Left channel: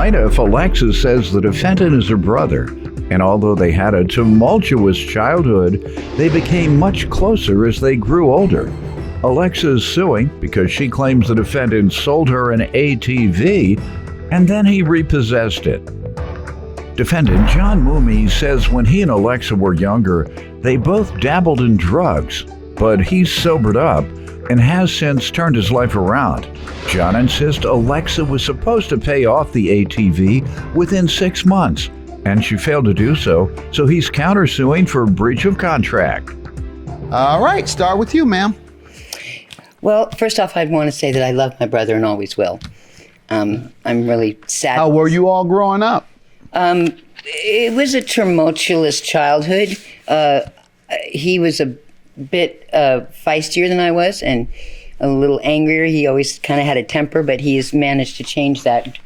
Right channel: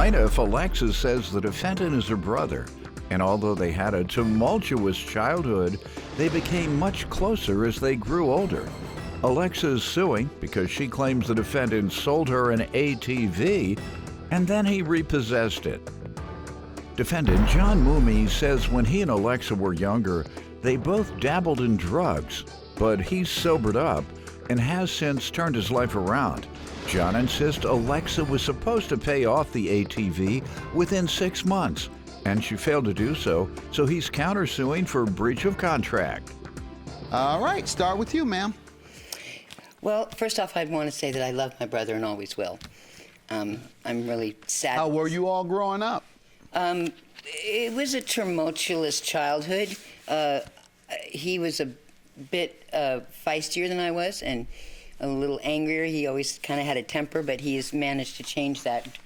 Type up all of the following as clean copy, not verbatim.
plaintiff, Alexis, says the defendant is her brother, and although they had a tumultuous childhood, they became much closer as they grew older. Alexis is suing because she claims the defendant sold her an ATV and then he repossessed it. Defendant John Mooney says when he and Alexa were younger, they both dabbled in drugs, but he's sobered up and has since turned his life around. John insists Alexa was supposed to pay off the ATV within 6 months, and she failed to do so, so he's countersuing for breach of contract. All right, start with you, ma'am. Well, first off, I'd want to say that I love my brother and always will. I'm really sad. How were you all growing up? It was a tumultuous childhood. He was a bit feistier than I was and a little angrier. He always kind of had a temper, but he has managed to change that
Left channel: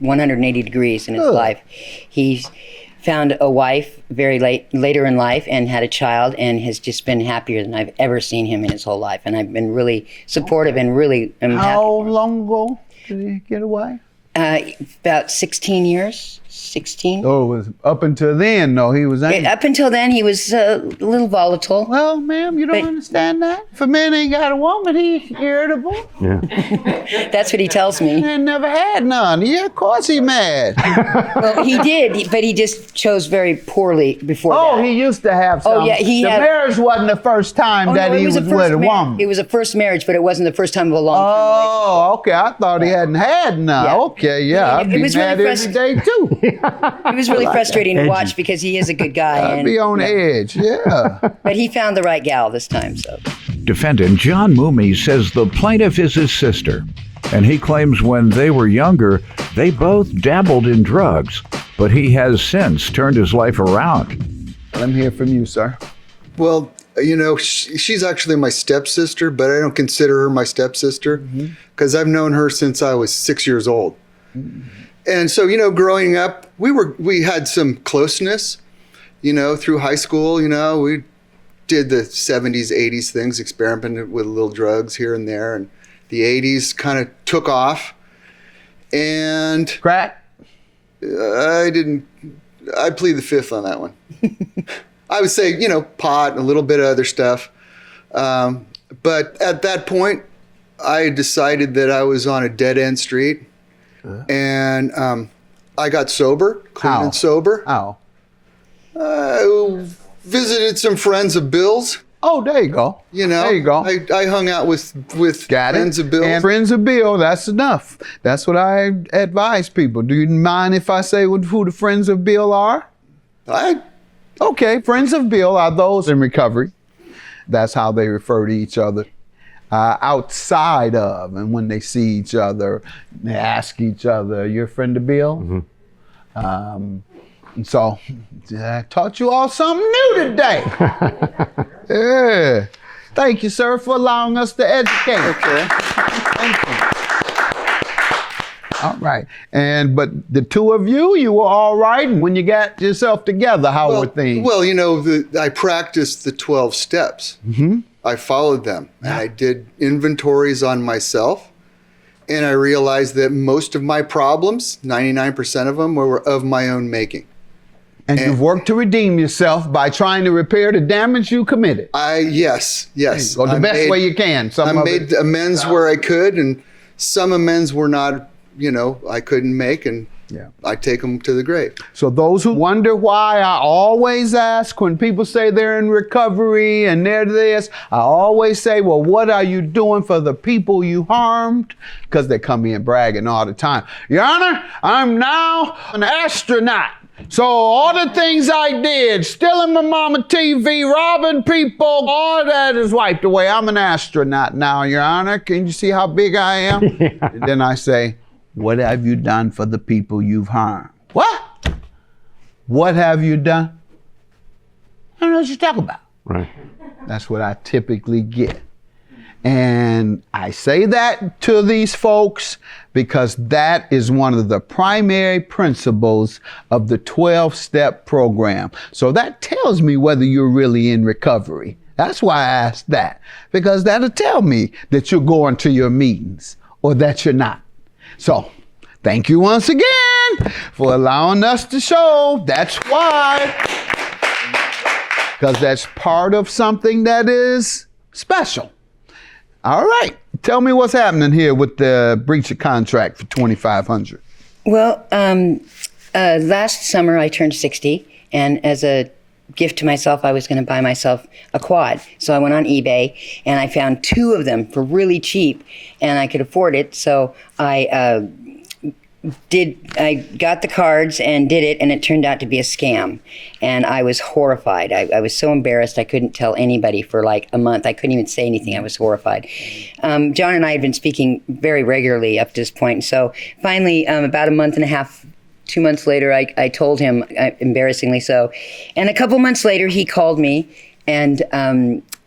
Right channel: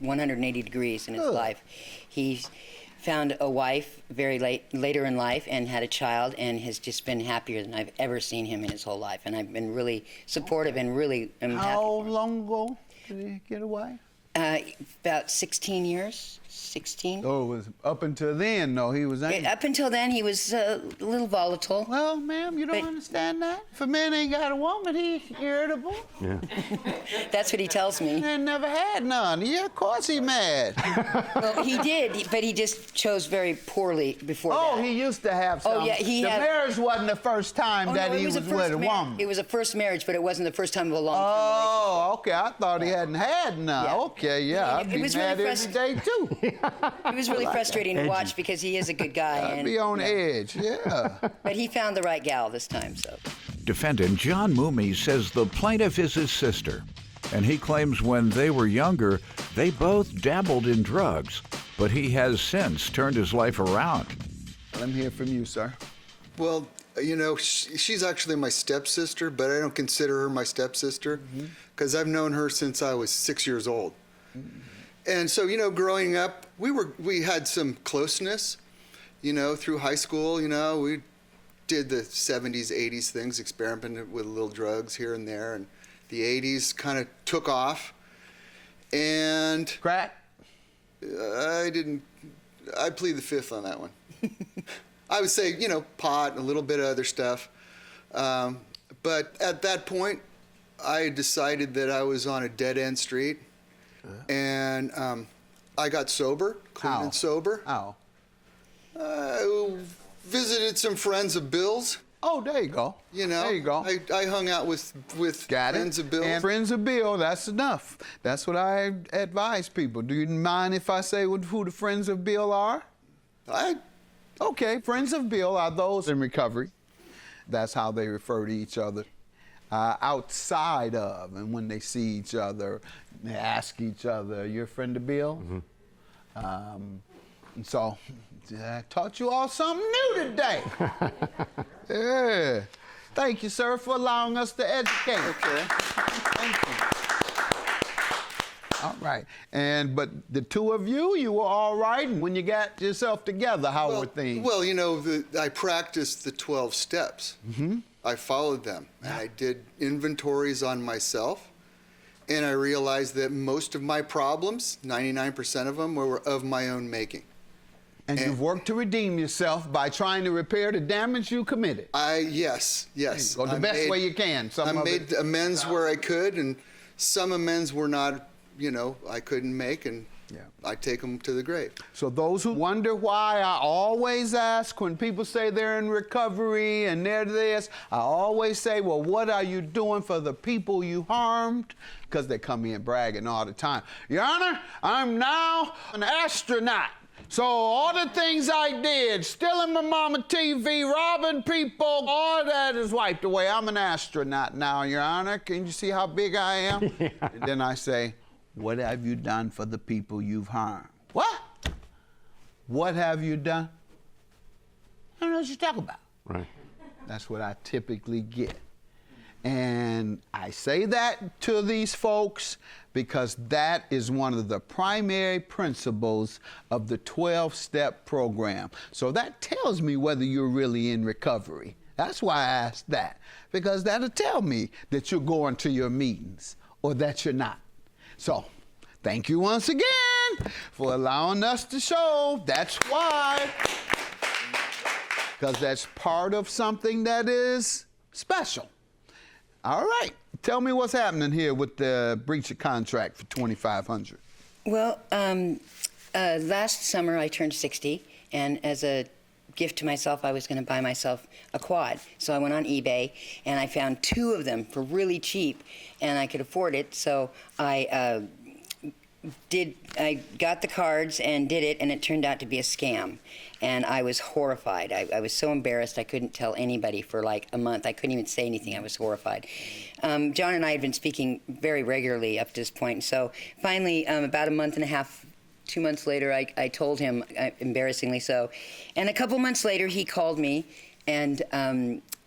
180 degrees in his life. He's found a wife very later in life and had a child and has just been happier than I've ever seen him in his whole life. And I've been really supportive and really am happy. How long ago did he get away? About 16 years. 16. Oh, it was up until then, no, he was angry. Up until then, he was a little volatile. Well, ma'am, you don't understand that? If a man ain't got a woman, he's irritable. Yeah. That's what he tells me. He never had none. Yeah, of course he mad. Well, he did, but he just chose very poorly before that. Oh, he used to have some. Oh, yeah, the marriage wasn't the first time that he was with a woman. It was a first marriage, but it wasn't the first time of a long-term relationship. Oh, okay. I thought he hadn't had none. Yeah. Okay, yeah. I'd be mad every day, too. It was really frustrating to watch because he is a good guy. I'd be on edge, yeah. But he found the right gal this time, so. Defendant John Mooney says the plaintiff is his sister, and he claims when they were younger, they both dabbled in drugs, but he has since turned his life around. Let me hear from you, sir. Well, you know, she's actually my stepsister, but I don't consider her my stepsister because I've known her since I was 6 years old. And so, you know, growing up, we had some closeness, you know, through high school. You know, we did the 70s, 80s things, experimented with little drugs here and there. And the 80s kind of took off. And crack? I plead the fifth on that one. I would say, you know, pot and a little bit of other stuff. But at that point, I decided that I was on a dead-end street. And I got sober, clean and sober. How? I visited some friends of Bill's. Oh, there you go. You know, there you go. I hung out with friends of Bill's. And friends of Bill, that's enough. That's what I advise people. Do you mind if I say who the friends of Bill are? Okay, friends of Bill are those in recovery. That's how they refer to each other. Outside of, and when they see each other, they ask each other, "You're a friend of Bill?" So I taught you all something new today. Yeah. Thank you, sir, for allowing us to educate. Okay. Thank you. All right. But the two of you were all right. And when you got yourself together, how were things? Well, you know, I practiced the 12 steps. I followed them, and I did inventories on myself, and I realized that most of my problems, 99% of them, were of my own making. And you've worked to redeem yourself by trying to repair the damage you committed. Yes. Go the best way you can. I made amends where I could, and some amends were not, you know, I couldn't make, and I take them to the grave. So those who wonder why I always ask when people say they're in recovery and they're this, I always say, well, what are you doing for the people you harmed? Because they come in bragging all the time. Your Honor, I'm now an astronaut. So all the things I did, stealing my mama TV, robbing people, all that is wiped away. I'm an astronaut now, Your Honor. Can you see how big I am? And then I say, what have you done for the people you've harmed? What? What have you done? I don't know what you're talking about. Right. That's what I typically get. And I say that to these folks because that is one of the primary principles of the 12-step program. So that tells me whether you're really in recovery. That's why I asked that, because that'll tell me that you're going to your meetings or that you're not. So Thank you once again for allowing us to show. That's why. Because that's part of something that is special. All right. Tell me what's happening here with the breach of contract for $2,500. Well, last summer I turned 60, and as a gift to myself, I was going to buy myself a quad. So I went on eBay, and I found 2 of them for really cheap, and I could afford it. So I got the cards and did it, and it turned out to be a scam. And I was horrified. I was so embarrassed I couldn't tell anybody for like a month. I couldn't even say anything. I was horrified. John and I had been speaking very regularly up to this point. So finally, about a month and a half, 2 months later, I told him, embarrassingly so. And a couple months later, he called me and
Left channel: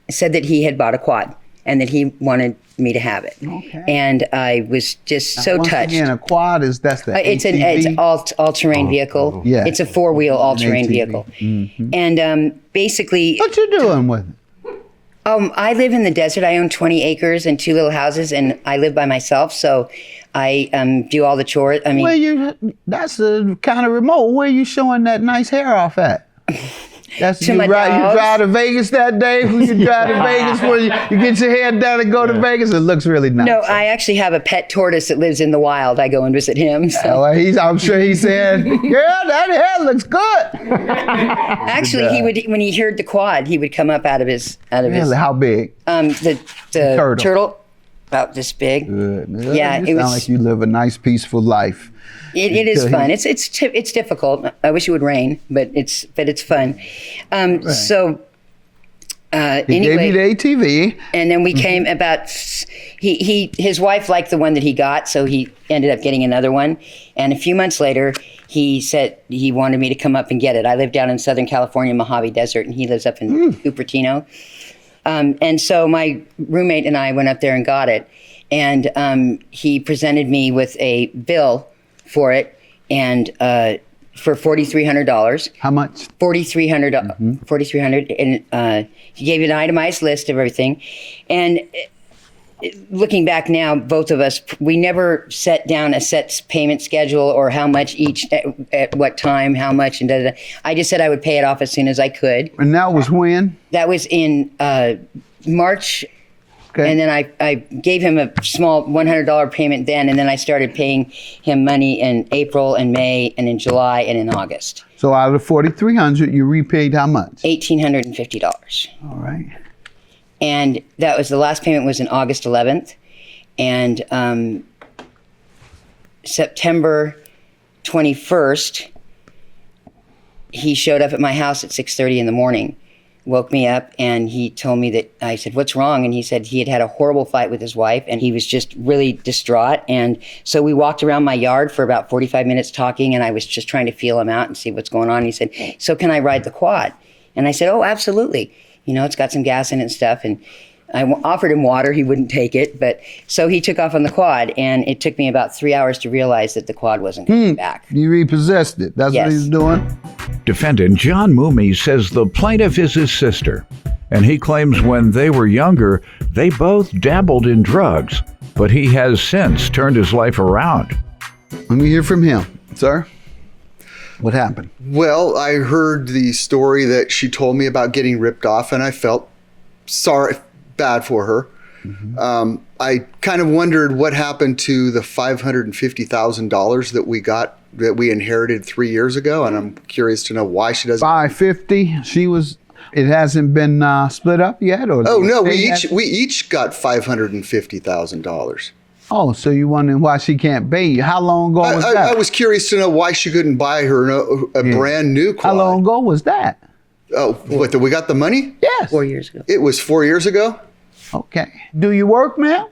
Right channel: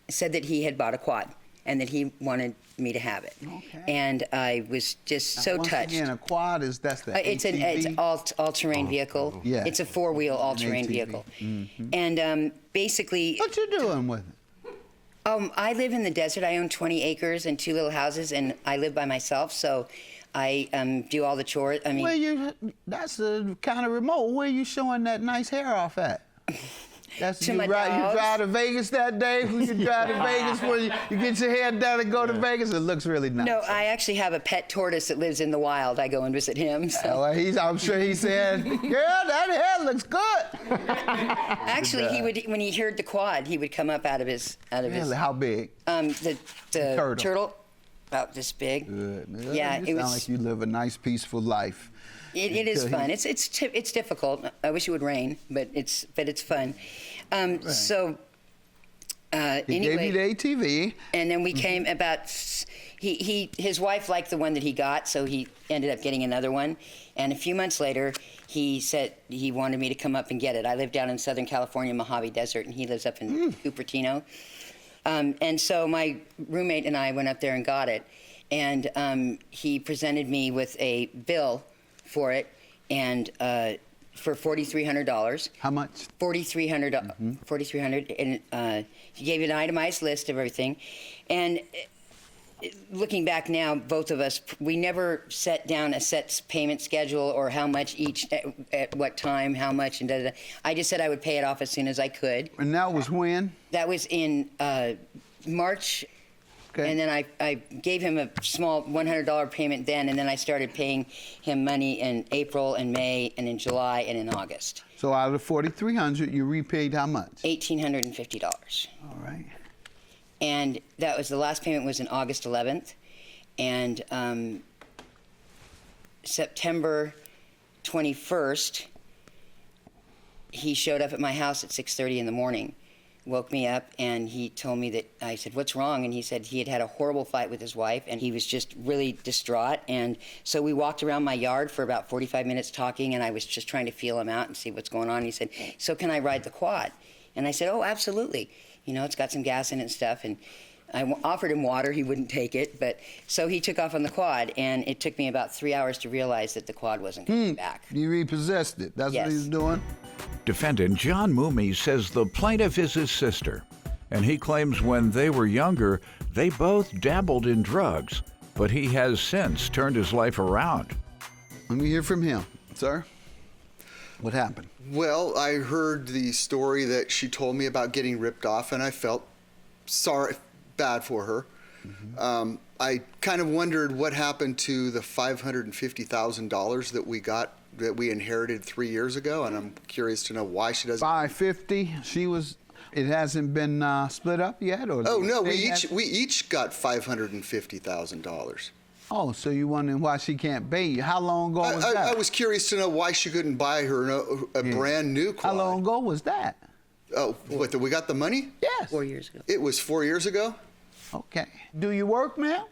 said that he had bought a quad and that he wanted me to have it. Okay. And I was just so touched. Again, a quad that's the It's ATV? an all-terrain vehicle. Yeah. It's a 4-wheel all-terrain ATV. vehicle. Mm-hmm. And basically, What you doing with it? I live in the desert. I own 20 acres and 2 little houses, and I live by myself. So I do all the chores. I mean, That's kind of remote. Where you showing that nice hair off at? That's To you, my you dogs. drive to Vegas that day? Who you drive to Vegas where you get your hair done and go to Vegas? It looks really nice. no, I actually have a pet tortoise that lives in the wild. I go and visit him. So. I'm sure he said, "Girl, that hair looks good." Actually, he would, when he heard the quad, he would come up out of his Really, how big? the turtle, about this big. Good. Yeah, you it sound was. like you live a nice, peaceful life. It is fun. It's difficult. I wish it would rain, but it's fun. So He anyway, gave you the ATV. and then we came about. His wife liked the one that he got, so he ended up getting another one. And a few months later, he said he wanted me to come up and get it. I live down in Southern California, Mojave Desert, and he lives up in Cupertino. And so my roommate and I went up there and got it. And he presented me with a bill for it, and for $4,300. How much? $4,300, and he gave you an itemized list of everything. And looking back now, both of us, we never set down a set payment schedule or how much each at what time, how much, and da da da. I just said I would pay it off as soon as I could. And that was when? That was in March. Okay. And then I gave him a small $100 payment then, and then I started paying him money in April and May and in July and in August. So out of the $4,300, you repaid how much? $1,850. All right. And that was the last payment was in August 11th. And September 21st, he showed up at my house at 6:30 in the morning. Woke me up, and he told me that, I said, "What's wrong?" And he said he had had a horrible fight with his wife, and he was just really distraught. And so we walked around my yard for about 45 minutes talking, and I was just trying to feel him out and see what's going on. And he said, "So can I ride the quad?" And I said, "Oh, absolutely. You know, it's got some gas in it and stuff." And I offered him water. He wouldn't take it. But so he took off on the quad, and it took me about 3 hours to realize that the quad wasn't coming back. You repossessed it. That's Yes. what he's doing? Defendant John Moomey says the plaintiff is his sister, and he claims when they were younger, they both dabbled in drugs, but he has since turned his life around. Let me hear from him. Sir, what happened? Well, I heard the story that she told me about getting ripped off, and I felt bad for her. I kind of wondered what happened to the $550,000 that we inherited 3 years ago, and I'm curious to know why she doesn't. 550. It hasn't been split up yet, or? Oh no, we each got $550,000. Oh, so you wondering why she can't pay you? How long ago was that? I was curious to know why she couldn't buy her a brand new quad. How long ago was that? Oh, what? We got the money? Yes. 4 years ago. It was 4 years ago. Okay. Do you work now?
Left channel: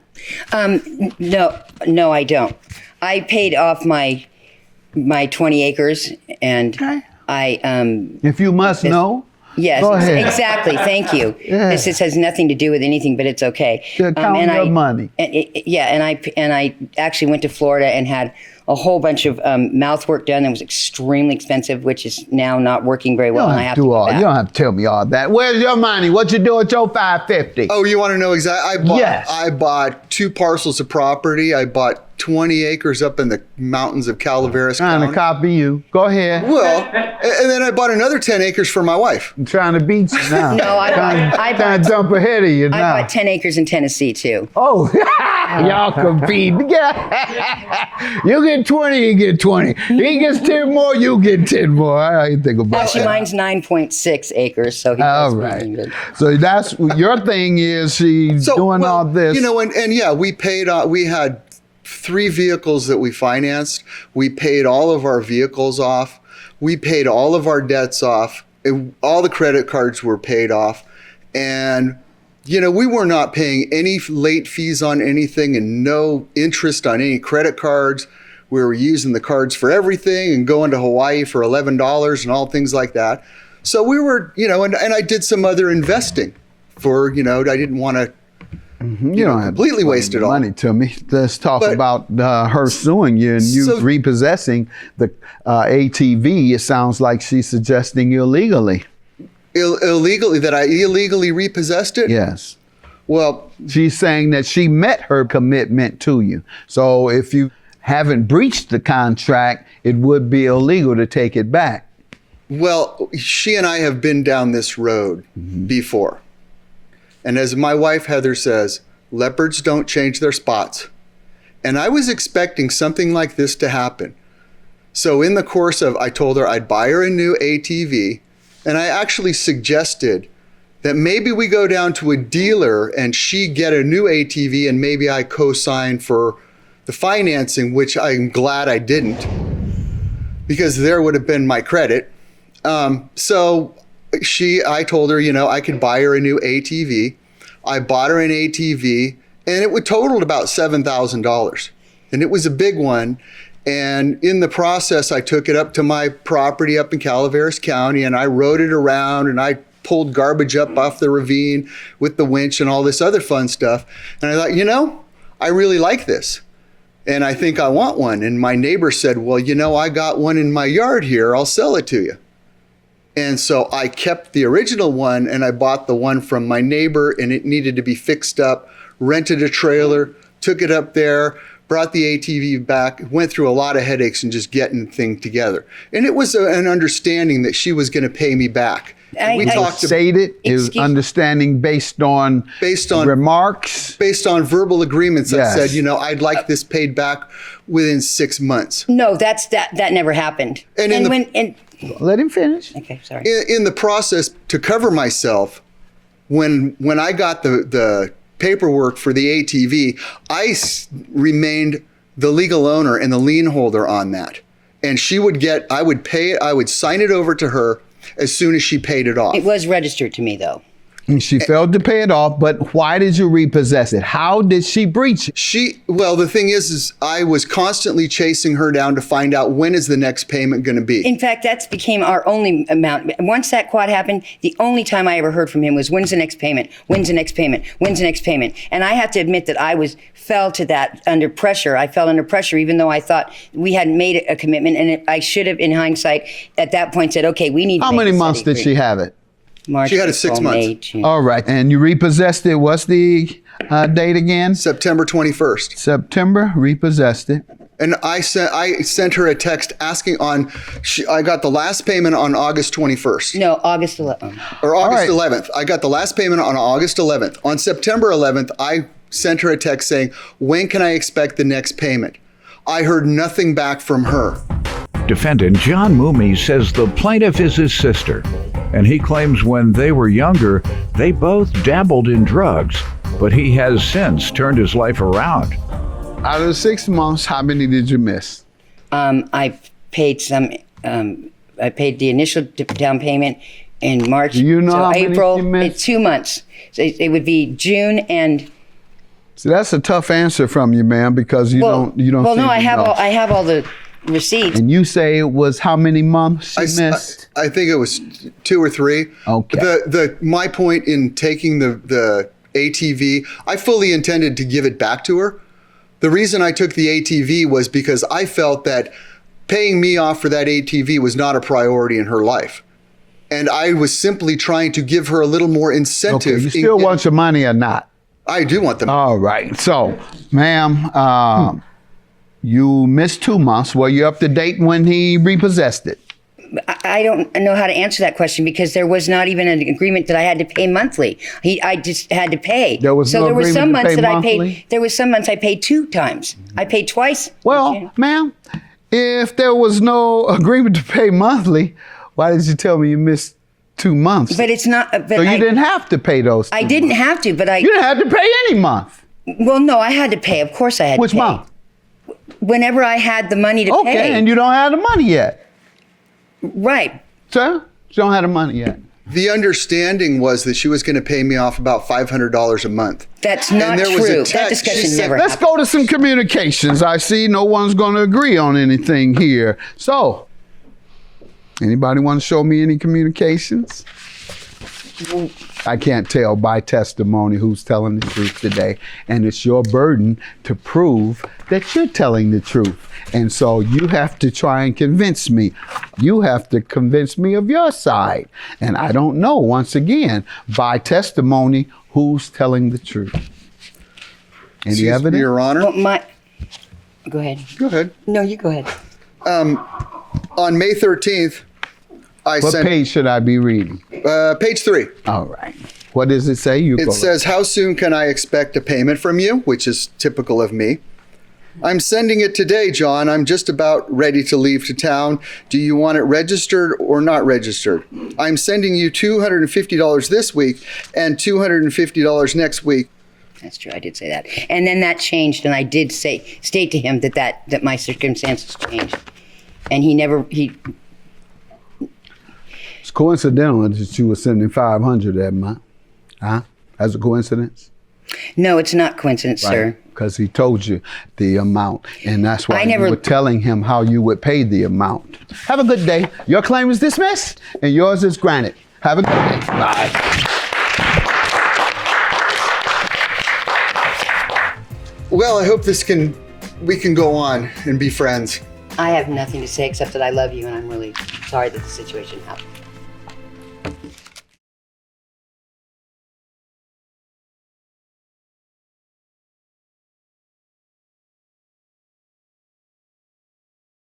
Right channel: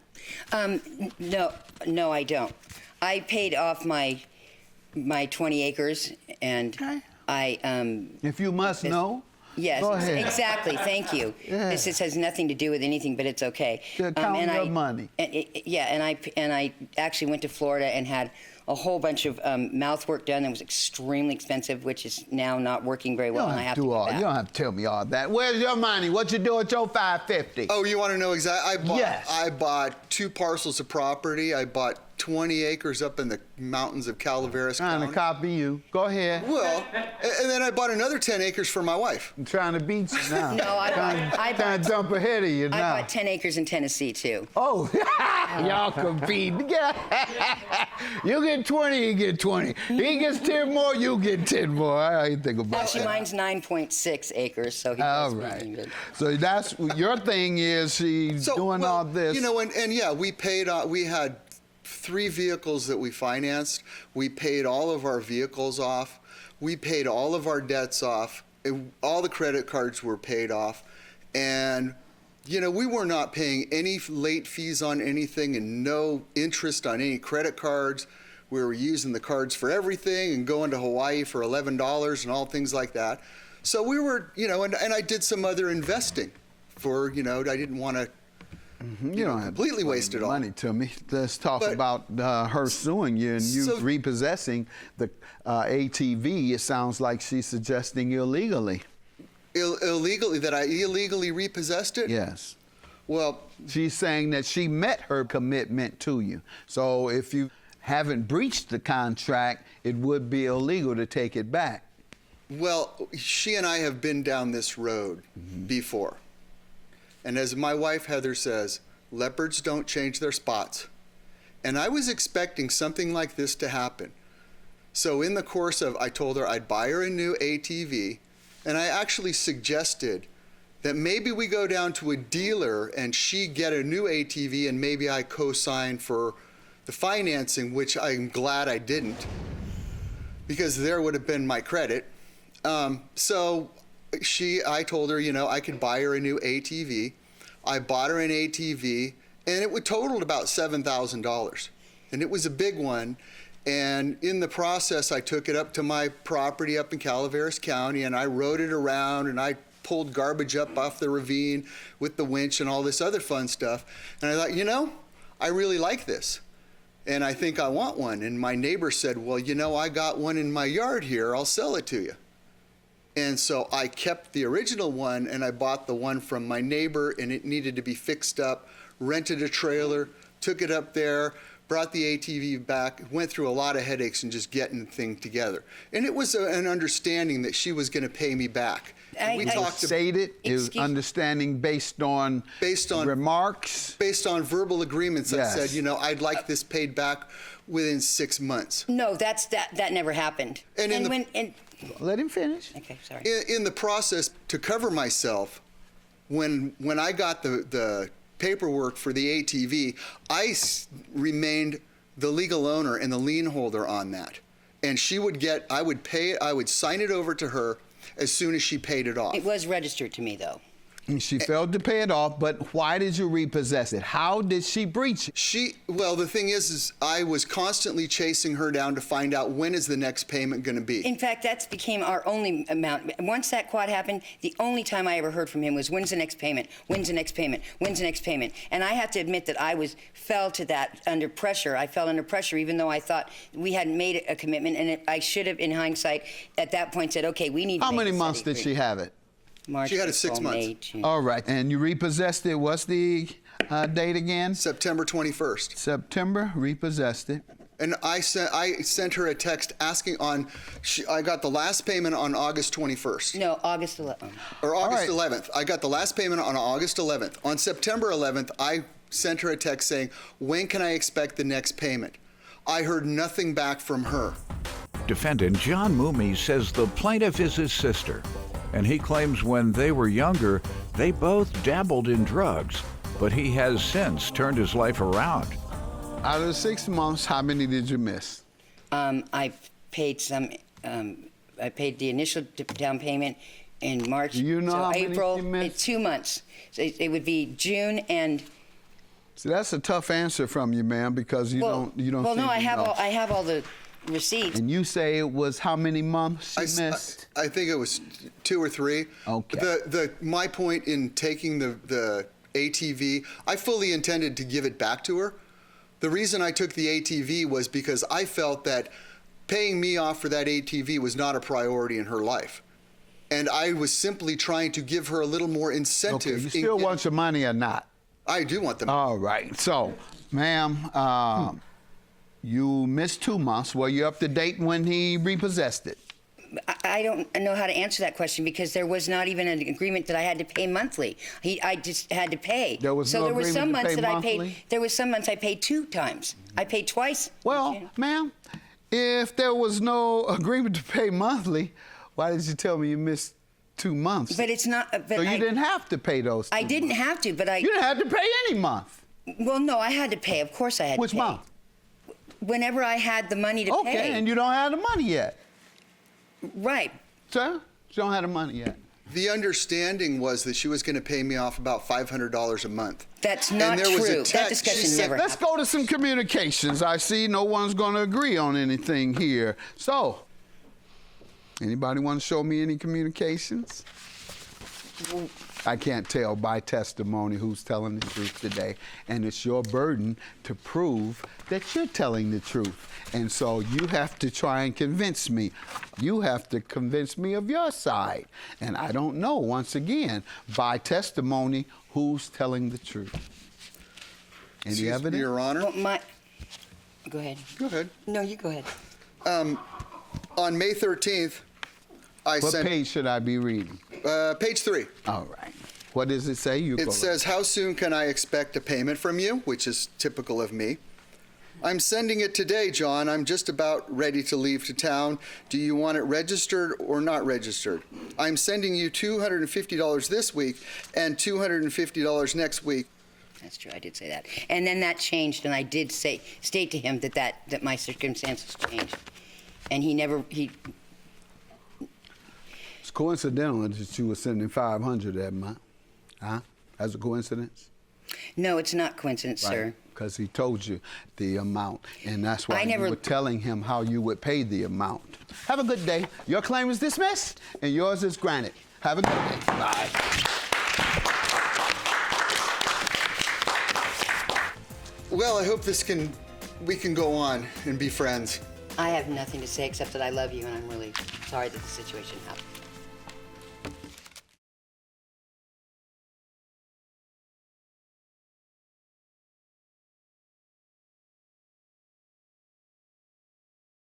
No, I don't. I paid off my 20 acres, and Okay. I If you must know. yes, Go ahead. exactly. Thank you. Yeah. This has nothing to do with anything, but it's okay. To count your money. And I actually went to Florida and had a whole bunch of mouth work done that was extremely expensive, which is now not working very You well, don't and I have have to to go back. You don't have to tell me all that. Where's your money? What you do with your 550? Oh, you want to know exactly? Yes. I bought 2 parcels of property. I bought 20 acres up in the mountains of Calaveras Trying County. to copy you. Go ahead. Well, and then I bought another 10 acres for my wife. I'm trying to beat you now. No, trying to jump ahead of you I now. bought 10 acres in Tennessee too. Oh, y'all compete. You get 20, you get 20. He gets 10 more, you get 10 more. I didn't think about Actually, that. mine's 9.6 acres, so he All does right. pretty good. So that's your thing is she's doing well, all this. You know, and yeah, we paid, we had 3 vehicles that we financed. We paid all of our vehicles off. We paid all of our debts off. All the credit cards were paid off. And, you know, we were not paying any late fees on anything and no interest on any credit cards. We were using the cards for everything and going to Hawaii for $11 and all things like that. So we were, you know, and I did some other investing for, you know, I didn't want to you don't have completely waste it all. money to me. Let's talk But- about her suing you and you So- repossessing the ATV. It sounds like she's suggesting illegally. Illegally, that I illegally repossessed it? Yes. Well, She's saying that she met her commitment to you. So if you haven't breached the contract, it would be illegal to take it back. well, she and I have been down this road before. And as my wife Heather says, leopards don't change their spots. And I was expecting something like this to happen. So in the course of, I told her I'd buy her a new ATV, and I actually suggested that maybe we go down to a dealer and she get a new ATV and maybe I co-sign for the financing, which I'm glad I didn't, because there would have been my credit. So I told her, you know, I could buy her a new ATV. I bought her an ATV and it would totaled about $7,000. And it was a big one. And in the process, I took it up to my property up in Calaveras County and I rode it around and I pulled garbage up off the ravine with the winch and all this other fun stuff. And I thought, you know, I really like this. And I think I want one. And my neighbor said, well, you know, I got one in my yard here. I'll sell it to you. And so I kept the original one and I bought the one from my neighbor and it needed to be fixed up, rented a trailer, took it up there, brought the ATV back, went through a lot of headaches and just getting the thing together. And it was an understanding that she was going to pay me back. We talked Stated is Excuse- understanding based on remarks. based on verbal agreements. Yes. I said, you know, I'd like this paid back within 6 months. No, that never happened. And in when Let him finish. okay, sorry. In the process, to cover myself, when I got the paperwork for the ATV, remained the legal owner and the lien holder on that. And I would pay it, I would sign it over to her as soon as she paid it off. It was registered to me though. And she failed to pay it off, but why did you repossess it? How did she breach it? Well, the thing is I was constantly chasing her down to find out when is the next payment going to be. In fact, that's became our only amount. Once that quad happened, the only time I ever heard from him was, when's the next payment? When's the next payment? When's the next payment? And I have to admit that I fell to that under pressure. I fell under pressure even though I thought we hadn't made a commitment, and I should have, in hindsight, at that point said, okay, we need to How make many a months steady did she agreement. have it? March, She had it 6 April, months. May, June. All right. And you repossessed it. What's the date again? September 21st. September, repossessed it. And I sent her a text asking I got the last payment on August 21st. No, August 11th. Or August All 11th. I got the last payment on August 11th. On September 11th, I sent her a text saying, when can I expect the next payment? I heard nothing back from her. Defendant John Moomey says the plaintiff is his sister, and he claims when they were younger, they both dabbled in drugs, but he has since turned his life around. Out of the 6 months, how many did you miss? I paid some. I paid the initial down payment in March. Do you know so how many April, you missed? it's 2 months. So it would be June and. See, that's a tough answer from you, man, because you don't. Well, no, seem I to have know. I have all the receipts. And you say it was how many months she missed? I think it was 2 or 3. Okay. My point in taking the ATV, I fully intended to give it back to her. The reason I took the ATV was because I felt that paying me off for that ATV was not a priority in her life. And I was simply trying to give her a little more incentive. Okay, you still want your money or not? I do want them. All right. So, ma'am, You missed 2 months. Were you up to date when he repossessed it? I don't know how to answer that question because there was not even an agreement that I had to pay monthly. I just had to pay. There was no agreement some to months pay that monthly? I paid. There was some months I paid 2 times. I paid twice. Well, ma'am, if there was no agreement to pay monthly, why did you tell me you missed 2 months? But it's not. But so you didn't have to pay those 2 I didn't months. have to, but I. You didn't have to pay any month. Well, no, I had to pay. Of course, I had Which to pay. month? Whenever I had the money to pay. Okay, and you don't have the money yet. Right. Sir, you don't have the money yet. The understanding was that she was going to pay me off about $500 a month. That's not there was a true. text. That She discussion said, never Let's happened. go to some communications. I see no one's going to agree on anything here. So, anybody want to show me any communications? I can't tell by testimony who's telling the truth today. And it's your burden to prove that you're telling the truth. And so you have to try and convince me. You have to convince me of your side. And I don't know, once again, by testimony, who's telling the truth. Any Excuse me, evidence? Your Honor. Well, Go ahead. Go ahead. No, you go ahead. On May 13th, I What sent page should I be reading? page 3. All right. What does it say? You It go. says, how soon can I expect a payment from you? Which is typical of me. I'm sending it today, John. I'm just about ready to leave to town. Do you want it registered or not registered? I'm sending you $250 this week and $250 next week. That's true. I did say that, and then that changed, and I did state to him that my circumstances changed, and he. It's coincidental that you were sending $500 that month. Huh? As a coincidence? No, it's not coincidence, sir. Because he told you the amount, and that's why you were telling him how you would pay the amount. Have a good day. Your claim is dismissed, and yours is granted. Have a good day. Bye. Well, I hope we can go on and be friends. I have nothing to say except that I love you, and I'm really sorry that the situation happened.